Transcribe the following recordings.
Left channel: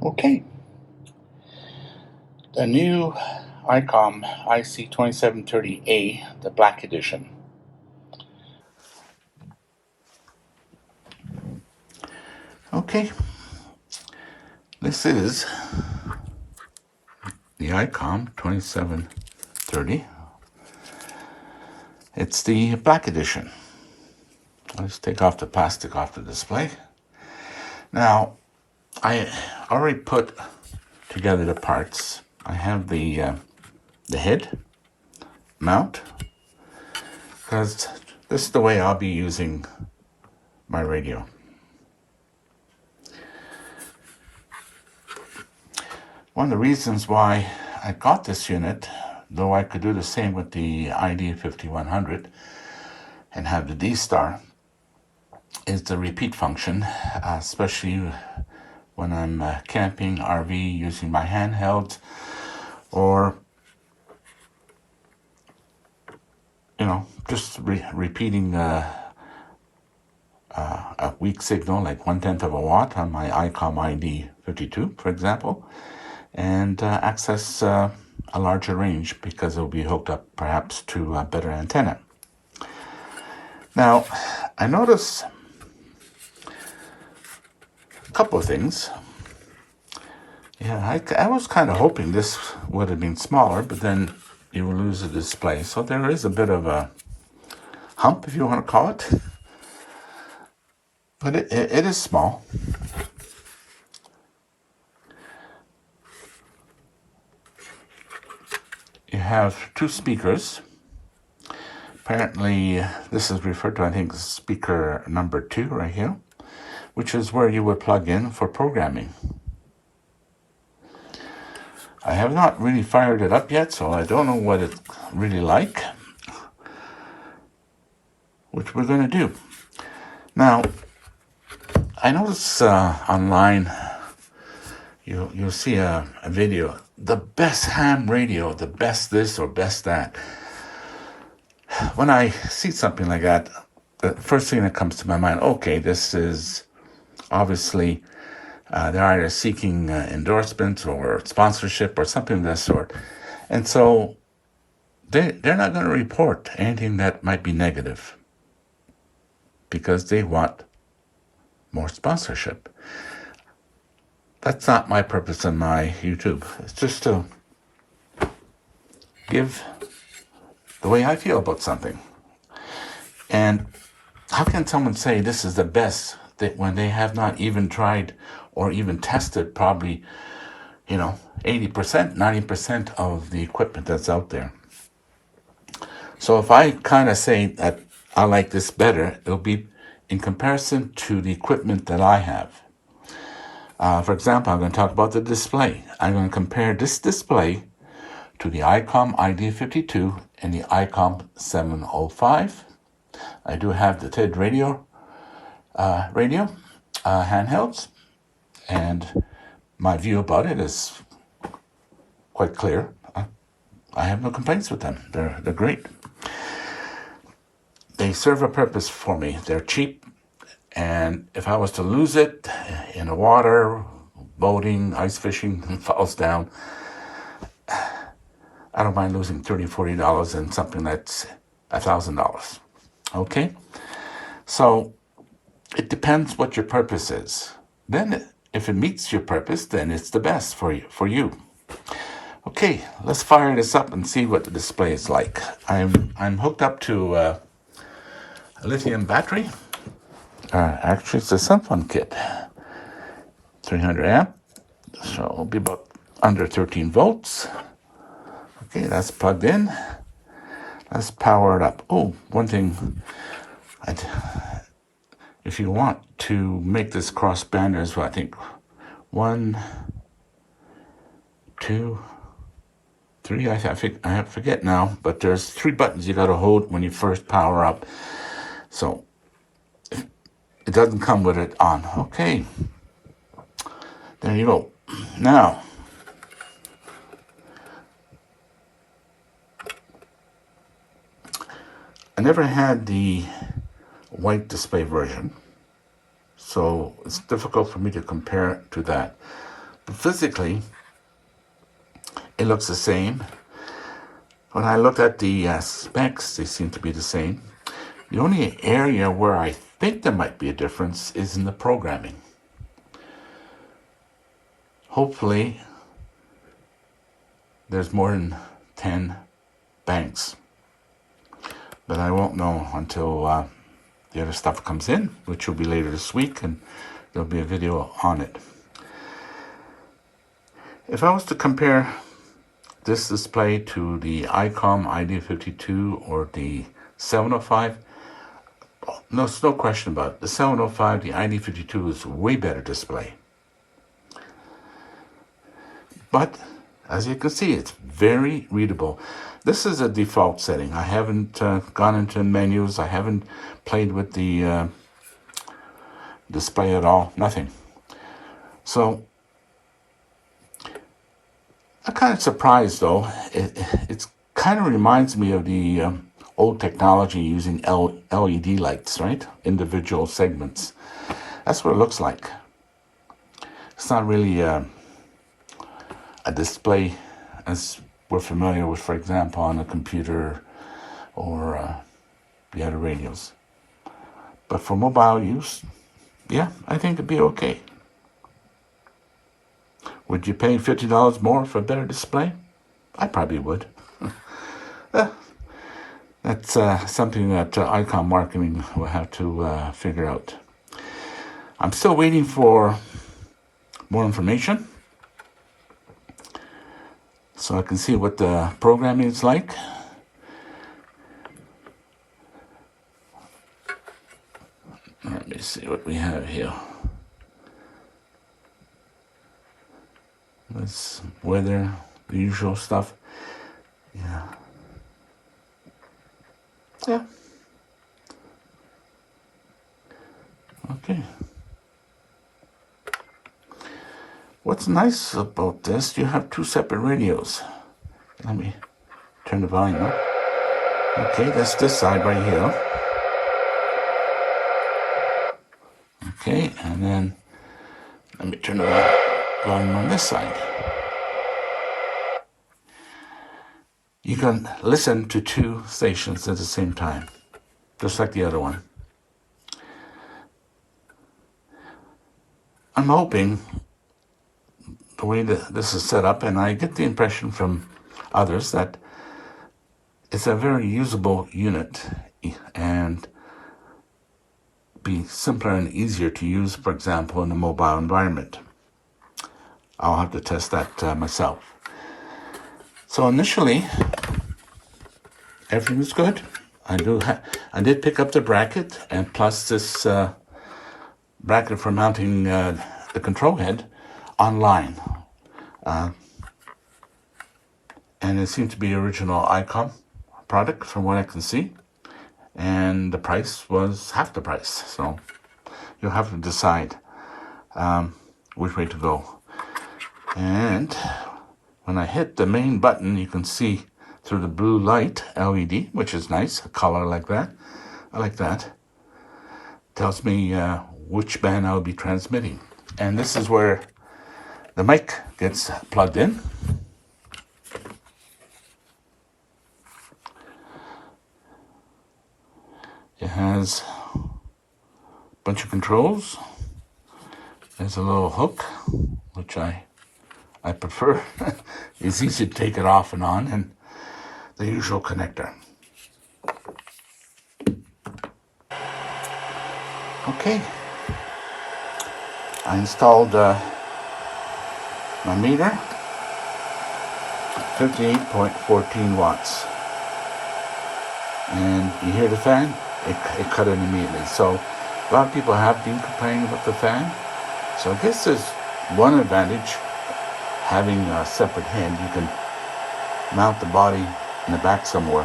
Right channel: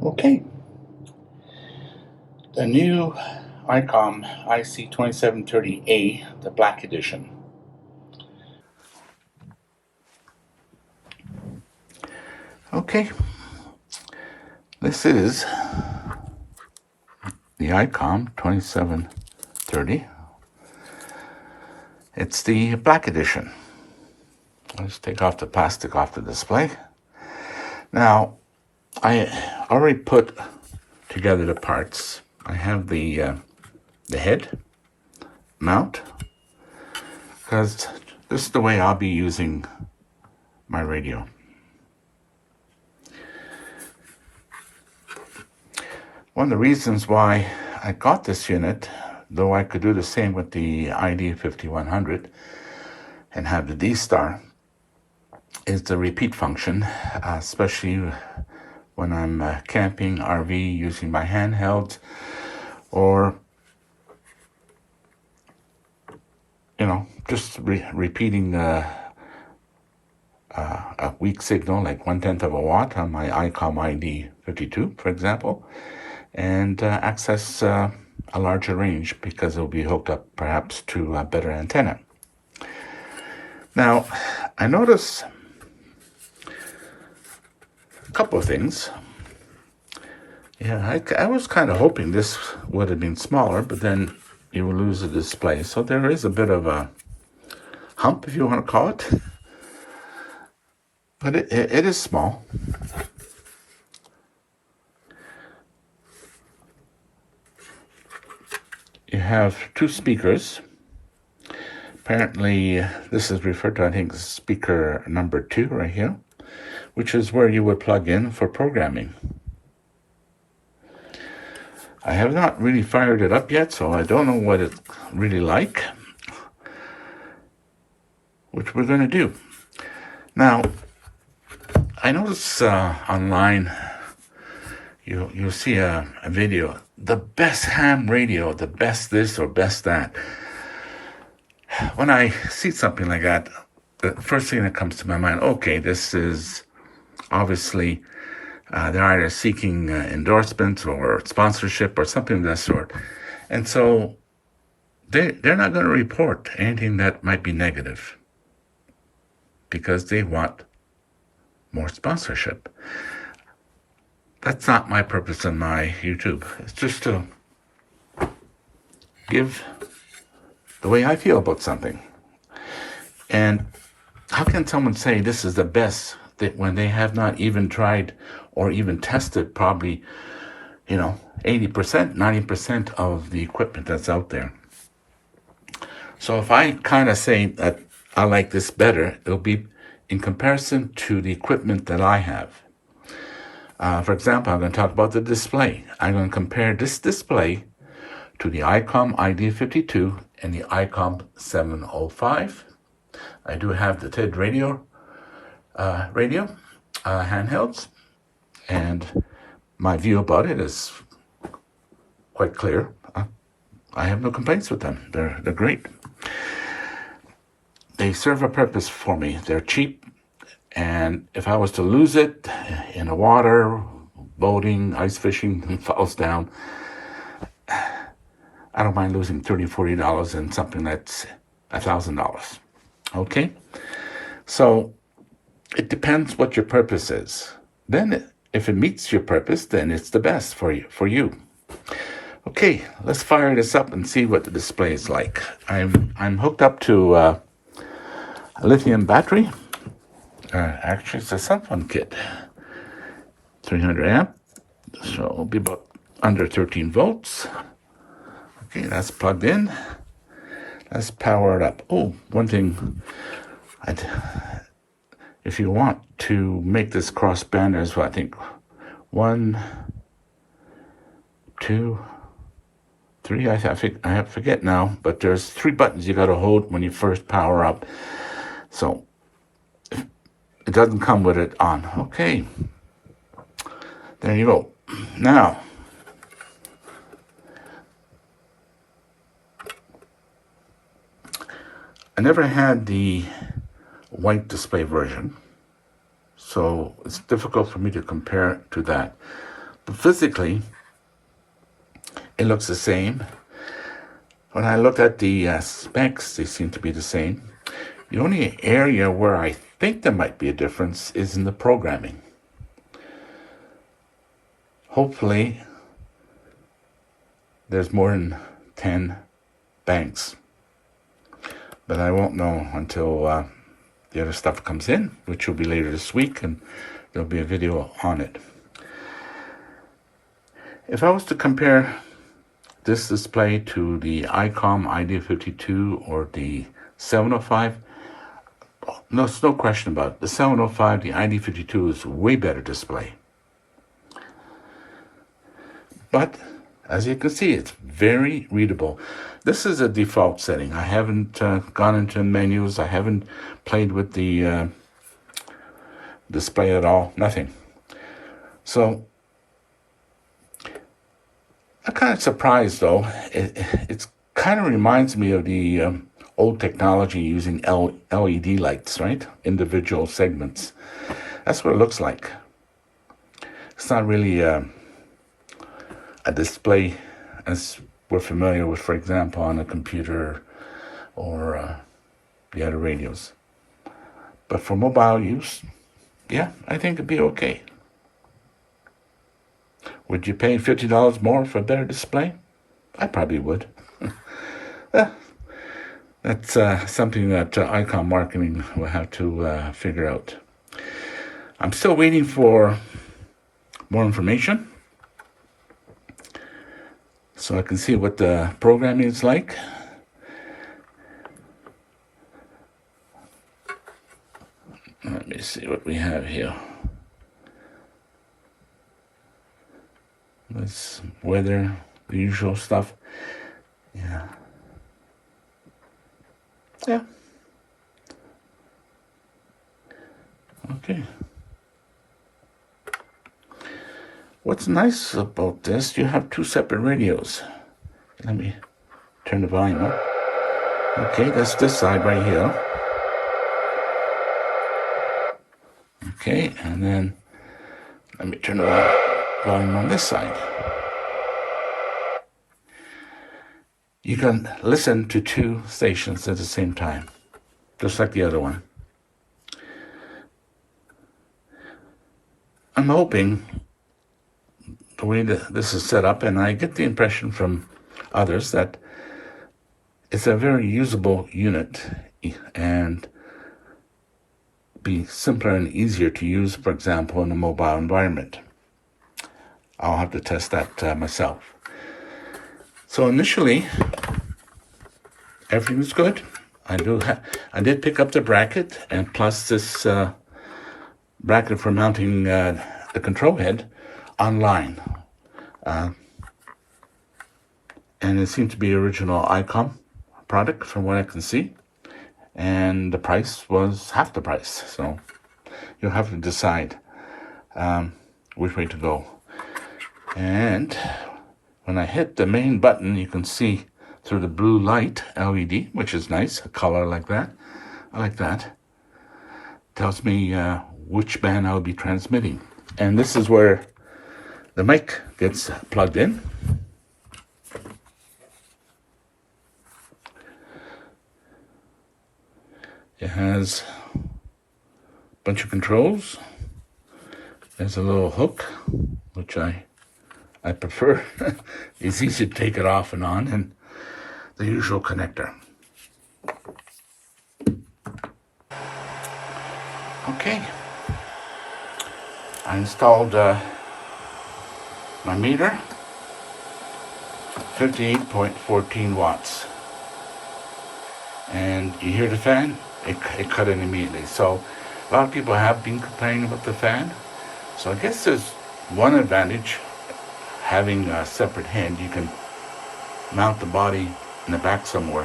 Okay, the new Icom IC-2730A, the Black Edition. Okay, this is the Icom 2730. It's the Black Edition. Let's take off the plastic off the display. Now, I already put together the parts. I have the head mount, because this is the way I'll be using my radio. One of the reasons why I got this unit, though I could do the same with the ID-5100 and have the D-Star, is the repeat function, especially when I'm camping, RV, using my handheld, or just repeating a weak signal, like 1/10 of a watt on my Icom ID-52, for example, and access a larger range because it'll be hooked up perhaps to a better antenna. Now, I noticed a couple of things. Yeah, I was kind of hoping this would have been smaller, but then you will lose the display. So there is a bit of a hump, if you want to call it. But it is small. You have two speakers. Apparently, this is referred to, I think, as speaker number 2 right here, which is where you would plug in for programming. I have not really fired it up yet, so I don't know what it's really like, which we're going to do. Now, I notice online, you'll see a video, the best ham radio, the best this or best that. When I see something like that, the first thing that comes to my mind, okay, this is obviously they're either seeking endorsement or sponsorship or something of that sort. And so they're not going to report anything that might be negative because they want more sponsorship. That's not my purpose in my YouTube. It's just to give the way I feel about something. And how can someone say this is the best when they have not even tried or even tested probably, 80%, 90% of the equipment that's out there? So if I kind of say that I like this better, it'll be in comparison to the equipment that I have. For example, I'm going to talk about the display. I'm going to compare this display to the Icom ID-52 and the Icom 705. I do have the TED radio handhelds, and my view about it is quite clear. I have no complaints with them. They're great. They serve a purpose for me. They're cheap, and if I was to lose it in the water, boating, ice fishing, it falls down, I don't mind losing $30, $40 in something that's $1,000. Okay? So it depends what your purpose is. Then if it meets your purpose, then it's the best for you. Okay, let's fire this up and see what the display is like. I'm hooked up to a lithium battery. Actually, it's a Sunfun kit. 300 amp, so it'll be about under 13 volts. Okay, that's plugged in. Let's power it up. Oh, one thing, if you want to make this crossband, there's I think 1, 2, 3. I forget now, but there's 3 buttons you got to hold when you first power up. So it doesn't come with it on. Okay, there you go. Now, I never had the white display version, so it's difficult for me to compare to that. physically, it looks the same. When I look at the specs, they seem to be the same. The only area where I think there might be a difference is in the programming. Hopefully, there's more than 10 banks. But I won't know until the other stuff comes in, which will be later this week, and there'll be a video on it. If I was to compare this display to the Icom ID52 or the 705, no, there's no question about it. The 705, the ID52 is a way better display. But as you can see, it's very readable. This is a default setting. I haven't gone into menus. I haven't played with the display at all. Nothing. So I'm kind of surprised, though. It kind of reminds me of the old technology using LED lights, right? Individual segments. That's what it looks like. It's not really a display as we're familiar with, for example, on a computer or the other radios. But for mobile use, yeah, I think it'd be okay. Would you pay $50 more for a better display? I probably would. That's something that Icom marketing will have to figure out. I'm still waiting for more information so I can see what the programming is like. Let me see what we have here. This weather, the usual stuff. Yeah. Yeah. Okay. What's nice about this, you have two separate radios. Let me turn the volume up. Okay, that's this side right here. Okay, and then let me turn the volume on this side. You can listen to two stations at the same time, just like the other one. I'm hoping the way that this is set up, and I get the impression from others that it's a very usable unit and be simpler and easier to use, for example, in a mobile environment. I'll have to test that myself. So initially, everything was good. I did pick up the bracket, and plus this bracket for mounting the control head online. And it seemed to be original Icom product from what I can see. And the price was half the price. So you'll have to decide which way to go. And when I hit the main button, you can see through the blue light LED, which is nice, a color like that. I like that. Tells me which band I'll be transmitting. And this is where the mic gets plugged in. It has a bunch of controls. There's a little hook, which I prefer. It's easy to take it off and on, and the usual connector. Okay. I installed my meter, 58.14 watts. And you hear the fan? It cut in immediately. So a lot of people have been complaining about the fan. So I guess there's one advantage, having a separate head. You can mount the body in the back somewhere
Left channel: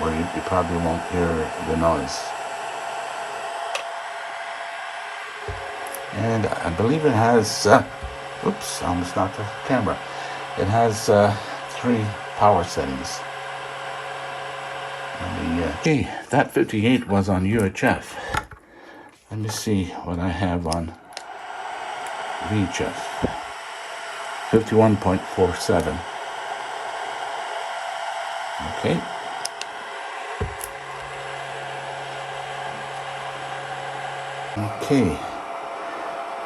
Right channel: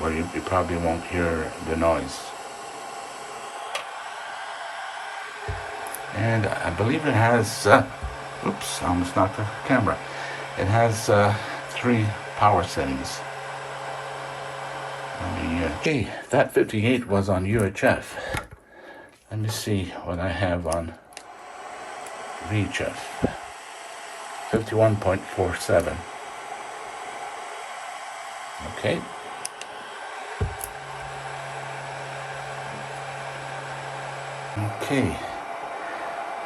where you probably won't hear the noise. And I believe it has, oops, I almost knocked off the camera. It has 3 power settings. Okay, that 58 was on UHF. Let me see what I have on VHF. 51.47. Okay. Okay.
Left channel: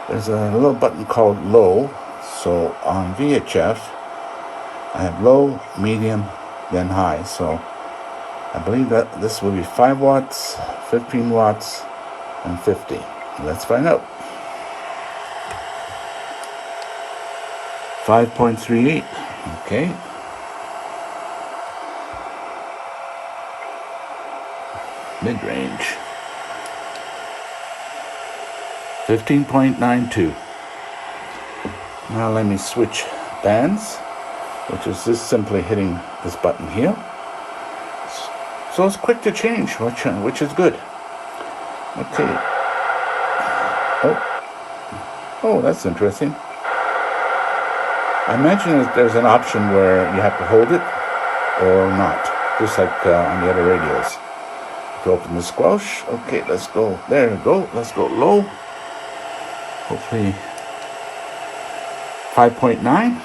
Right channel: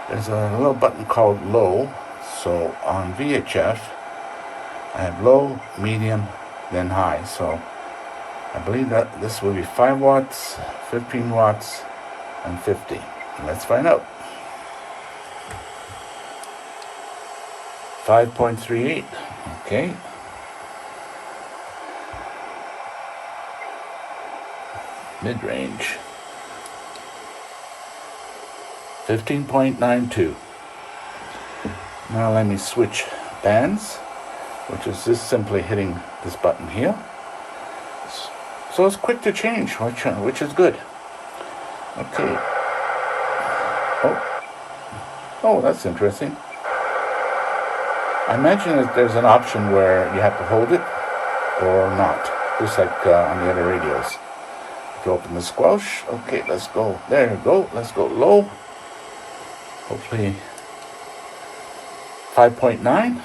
There's a little button called low. So on VHF, I have low, medium, then high. So I believe that this will be 5 watts, 15 watts, and 50. Let's find out. 5.38. Okay. Mid-range. 15.92. Now let me switch bands, which is just simply hitting this button here. So it's quick to change, which is good. Okay. Oh, that's interesting. I imagine that there's an option where you have to hold it or not, just like on the other radios. To open the squelch. Okay, let's go. There we go. Let's go low. Hopefully 5.9.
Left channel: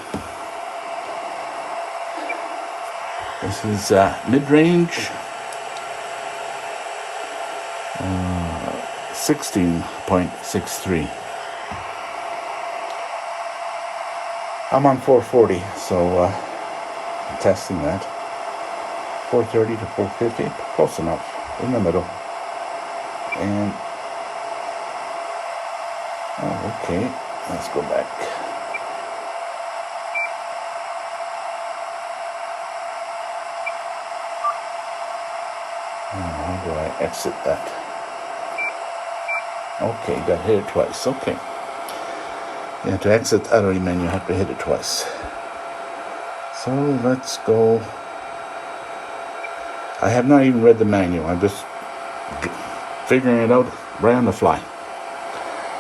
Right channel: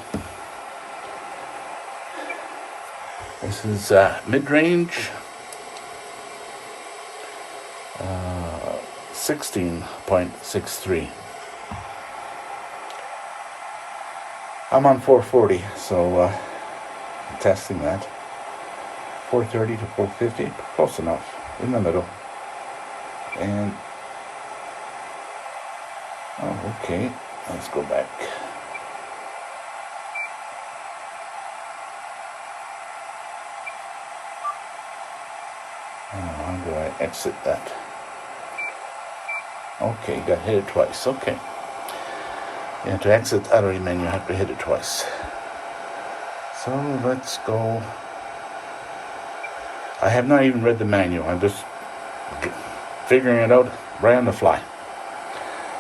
This is mid-range. 16.63. I'm on 440, so I'm testing that. 430 to 450, close enough, in the middle. And oh, okay, let's go back. How do I exit that? Okay, got to hit it twice. Okay. Yeah, to exit the other menu, you have to hit it twice. So let's go. I have not even read the manual. I'm just figuring it out right on the fly.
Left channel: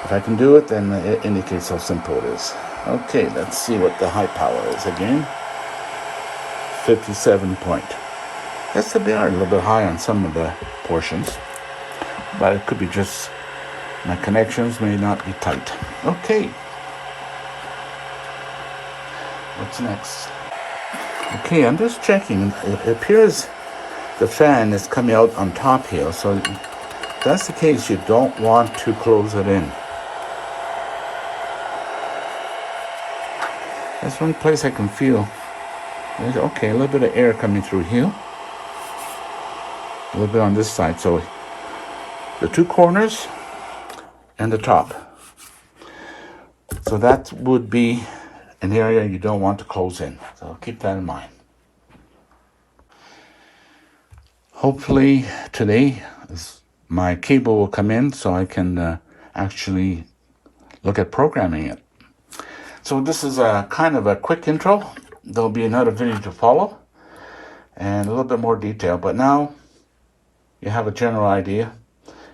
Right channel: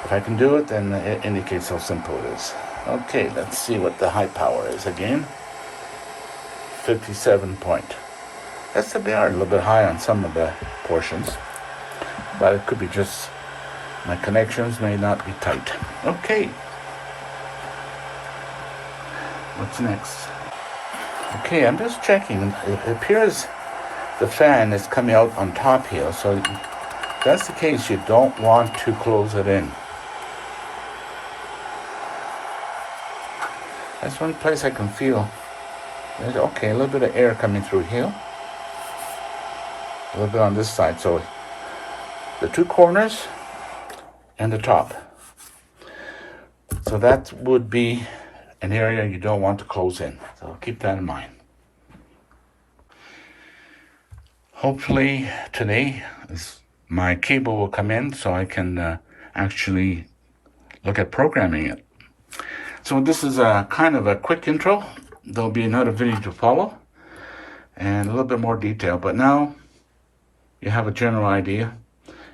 If I can do it, then it indicates how simple it is. Okay, let's see what the high power is again. 57 point. They are a little bit high on some of the portions, but it could be just my connections may not be tight. Okay. What's next? Okay, I'm just checking. It appears the fan is coming out on top here, so if that's the case, you don't want to close it in. That's one place I can feel. Okay, a little bit of air coming through here. A little bit on this side. So the two corners and the top. So that would be an area you don't want to close in. So keep that in mind. Hopefully today my cable will come in so I can actually look at programming it. So this is a kind of a quick intro. There'll be another video to follow and a little bit more detail, but now you have a general idea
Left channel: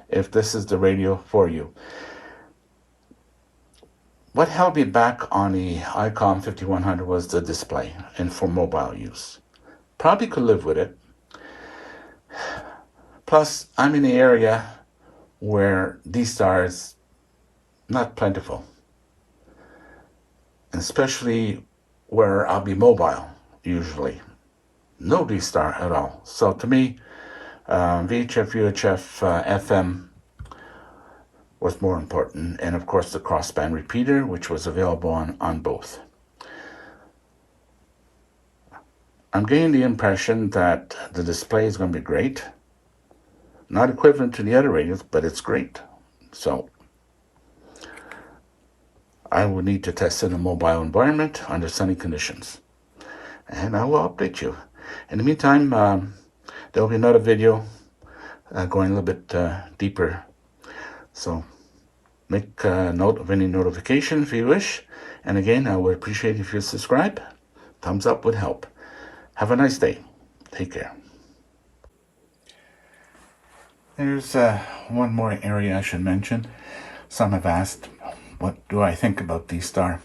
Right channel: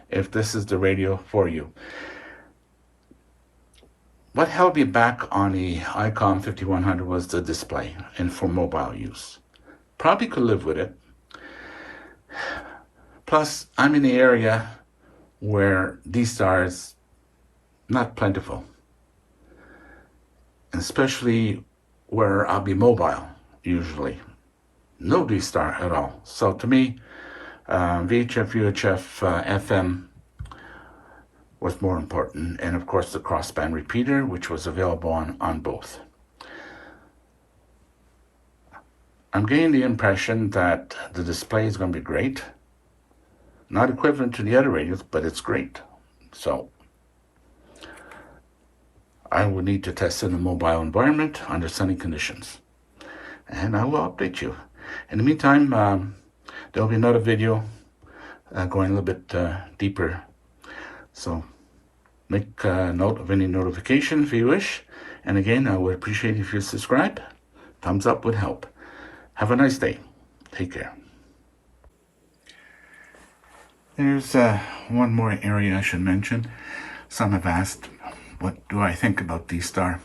if this is the radio for you. What held me back on the Icom 5100 was the display and for mobile use. Probably could live with it. Plus, I'm in the area where D-Star is not plentiful, especially where I'll be mobile usually. No D-Star at all. So to me, VHF, UHF, FM was more important, and of course the crossband repeater, which was available on both. I'm getting the impression that the display is going to be great. Not equivalent to the other radios, but it's great. So I will need to test in a mobile environment under sunny conditions, and I will update you. In the meantime, there will be another video going a little bit deeper. So make a note of any notification if you wish. And again, I would appreciate if you subscribe. Thumbs up would help. Have a nice day. Take care. There's one more area I should mention. Some have asked, what do I think about D-Star?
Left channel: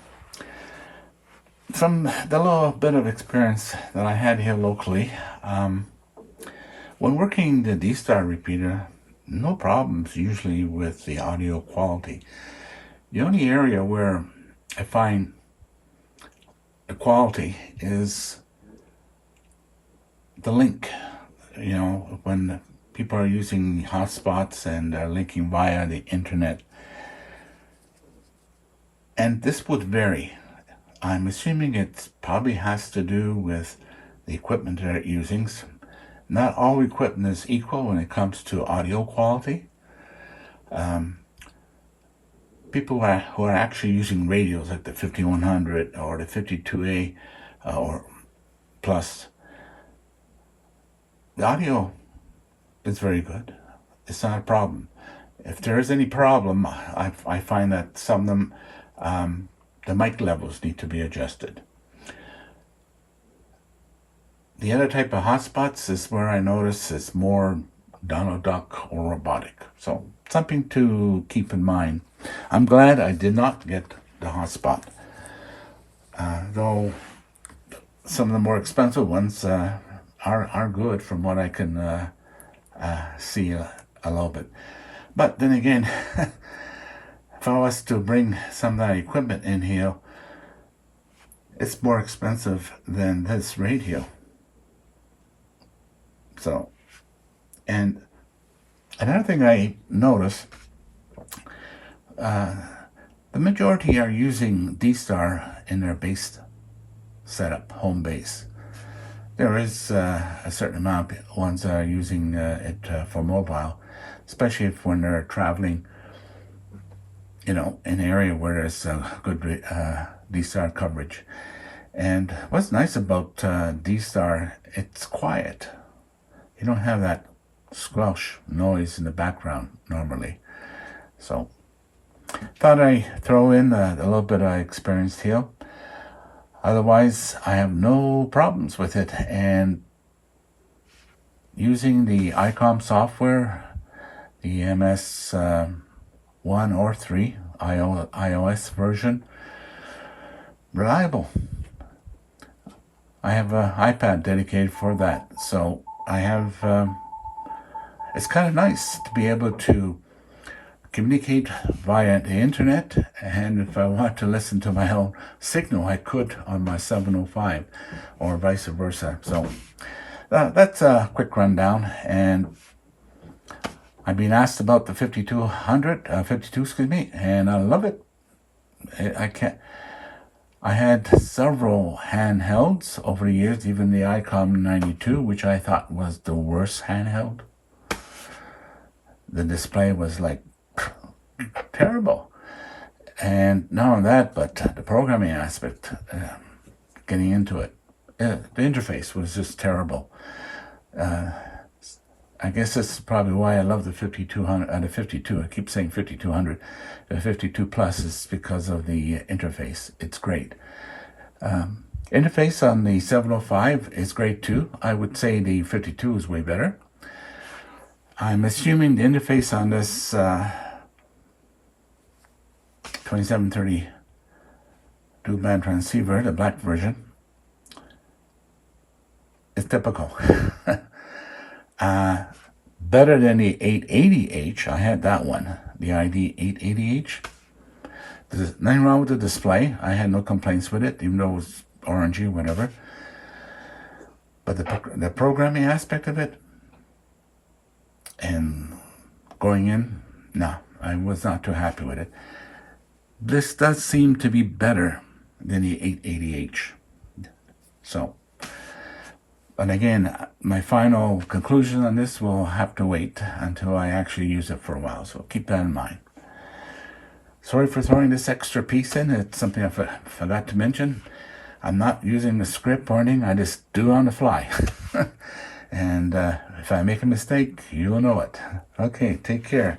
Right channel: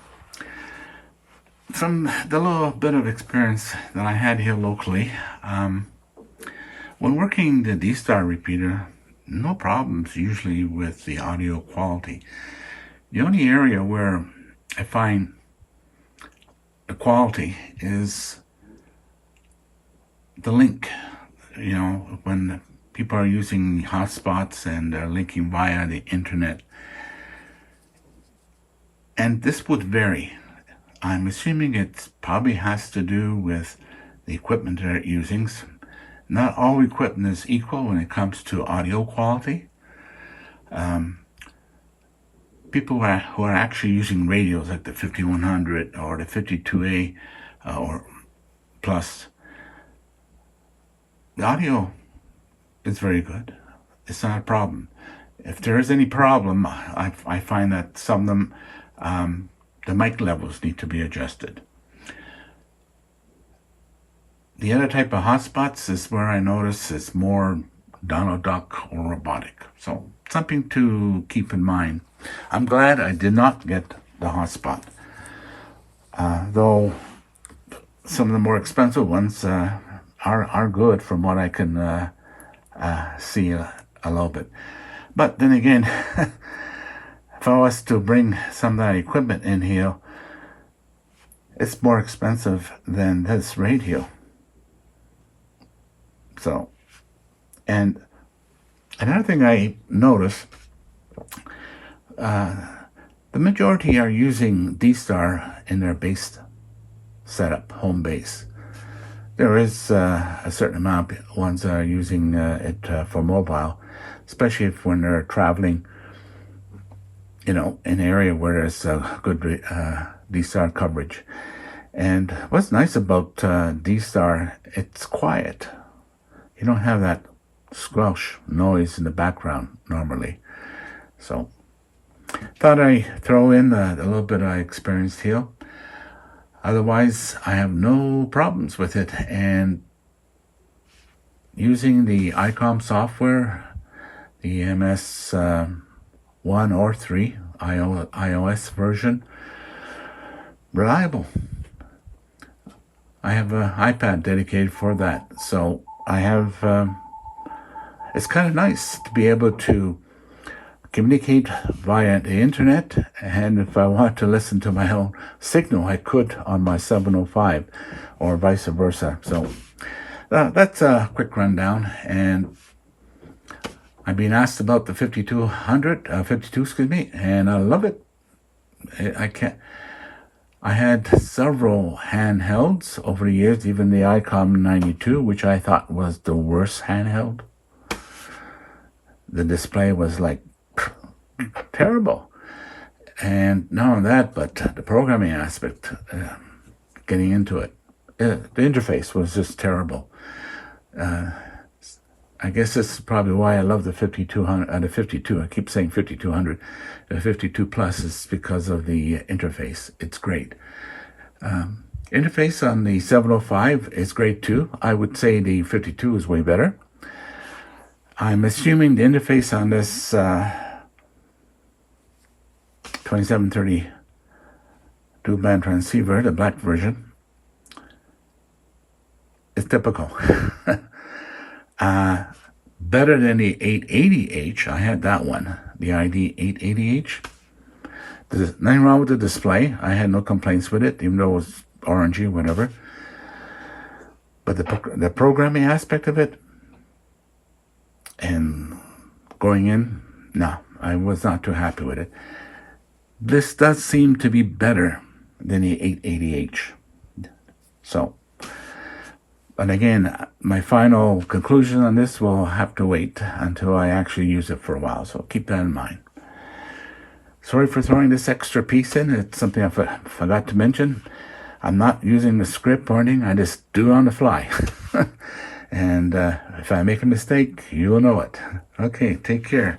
From the little bit of experience that I had here locally, when working the D-Star repeater, no problems usually with the audio quality. The only area where I find the quality is the link. You know, when people are using hotspots and linking via the internet. And this would vary. I'm assuming it probably has to do with the equipment they're using. Not all equipment is equal when it comes to audio quality. People who are actually using radios like the 5100 or the 52A or plus, the audio is very good. It's not a problem. If there is any problem, I find that some of them, the mic levels need to be adjusted. The other type of hotspots is where I notice it's more Donald Duck or robotic. So something to keep in mind. I'm glad I did not get the hotspot. Though some of the more expensive ones are good from what I can see a little bit. But then again, if I was to bring some of that equipment in here, it's more expensive than this radio. So, and another thing I noticed, the majority are using D-Star in their base setup, home base. There is a certain amount of ones that are using it for mobile, especially if when they're traveling, you know, in an area where there's good D-Star coverage. And what's nice about D-Star, it's quiet. You don't have that squelch noise in the background normally. So, thought I'd throw in a little bit I experienced here. Otherwise, I have no problems with it. And using the Icom software, the MS 1 or 3 iOS version, reliable. I have an iPad dedicated for that. So I have, it's kind of nice to be able to communicate via the internet, and if I want to listen to my own signal, I could on my 705 or vice versa. So that's a quick rundown, and I've been asked about the 52, excuse me, and I love it. I had several handhelds over the years, even the Icom 92, which I thought was the worst handheld. The display was like terrible. And not only that, but the programming aspect, getting into it, the interface was just terrible. I guess this is probably why I love the 5200, the 52. I keep saying 5200. The 52 Plus is because of the interface. It's great. Interface on the 705 is great too. I would say the 52 is way better. I'm assuming the interface on this 2730 dual-band transceiver, the black version, is typical. Better than the 880H. I had that one, the ID 880H. There's nothing wrong with the display. I had no complaints with it, even though it was orangey, whatever. But the programming aspect of it and going in, no, I was not too happy with it. This does seem to be better than the 880H. So, but again, my final conclusion on this will have to wait until I actually use it for a while. So keep that in mind. Sorry for throwing this extra piece in. It's something I forgot to mention. I'm not using the script or anything. I just do it on the fly. And if I make a mistake, you will know it. Okay, take care.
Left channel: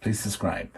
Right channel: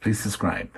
Please subscribe.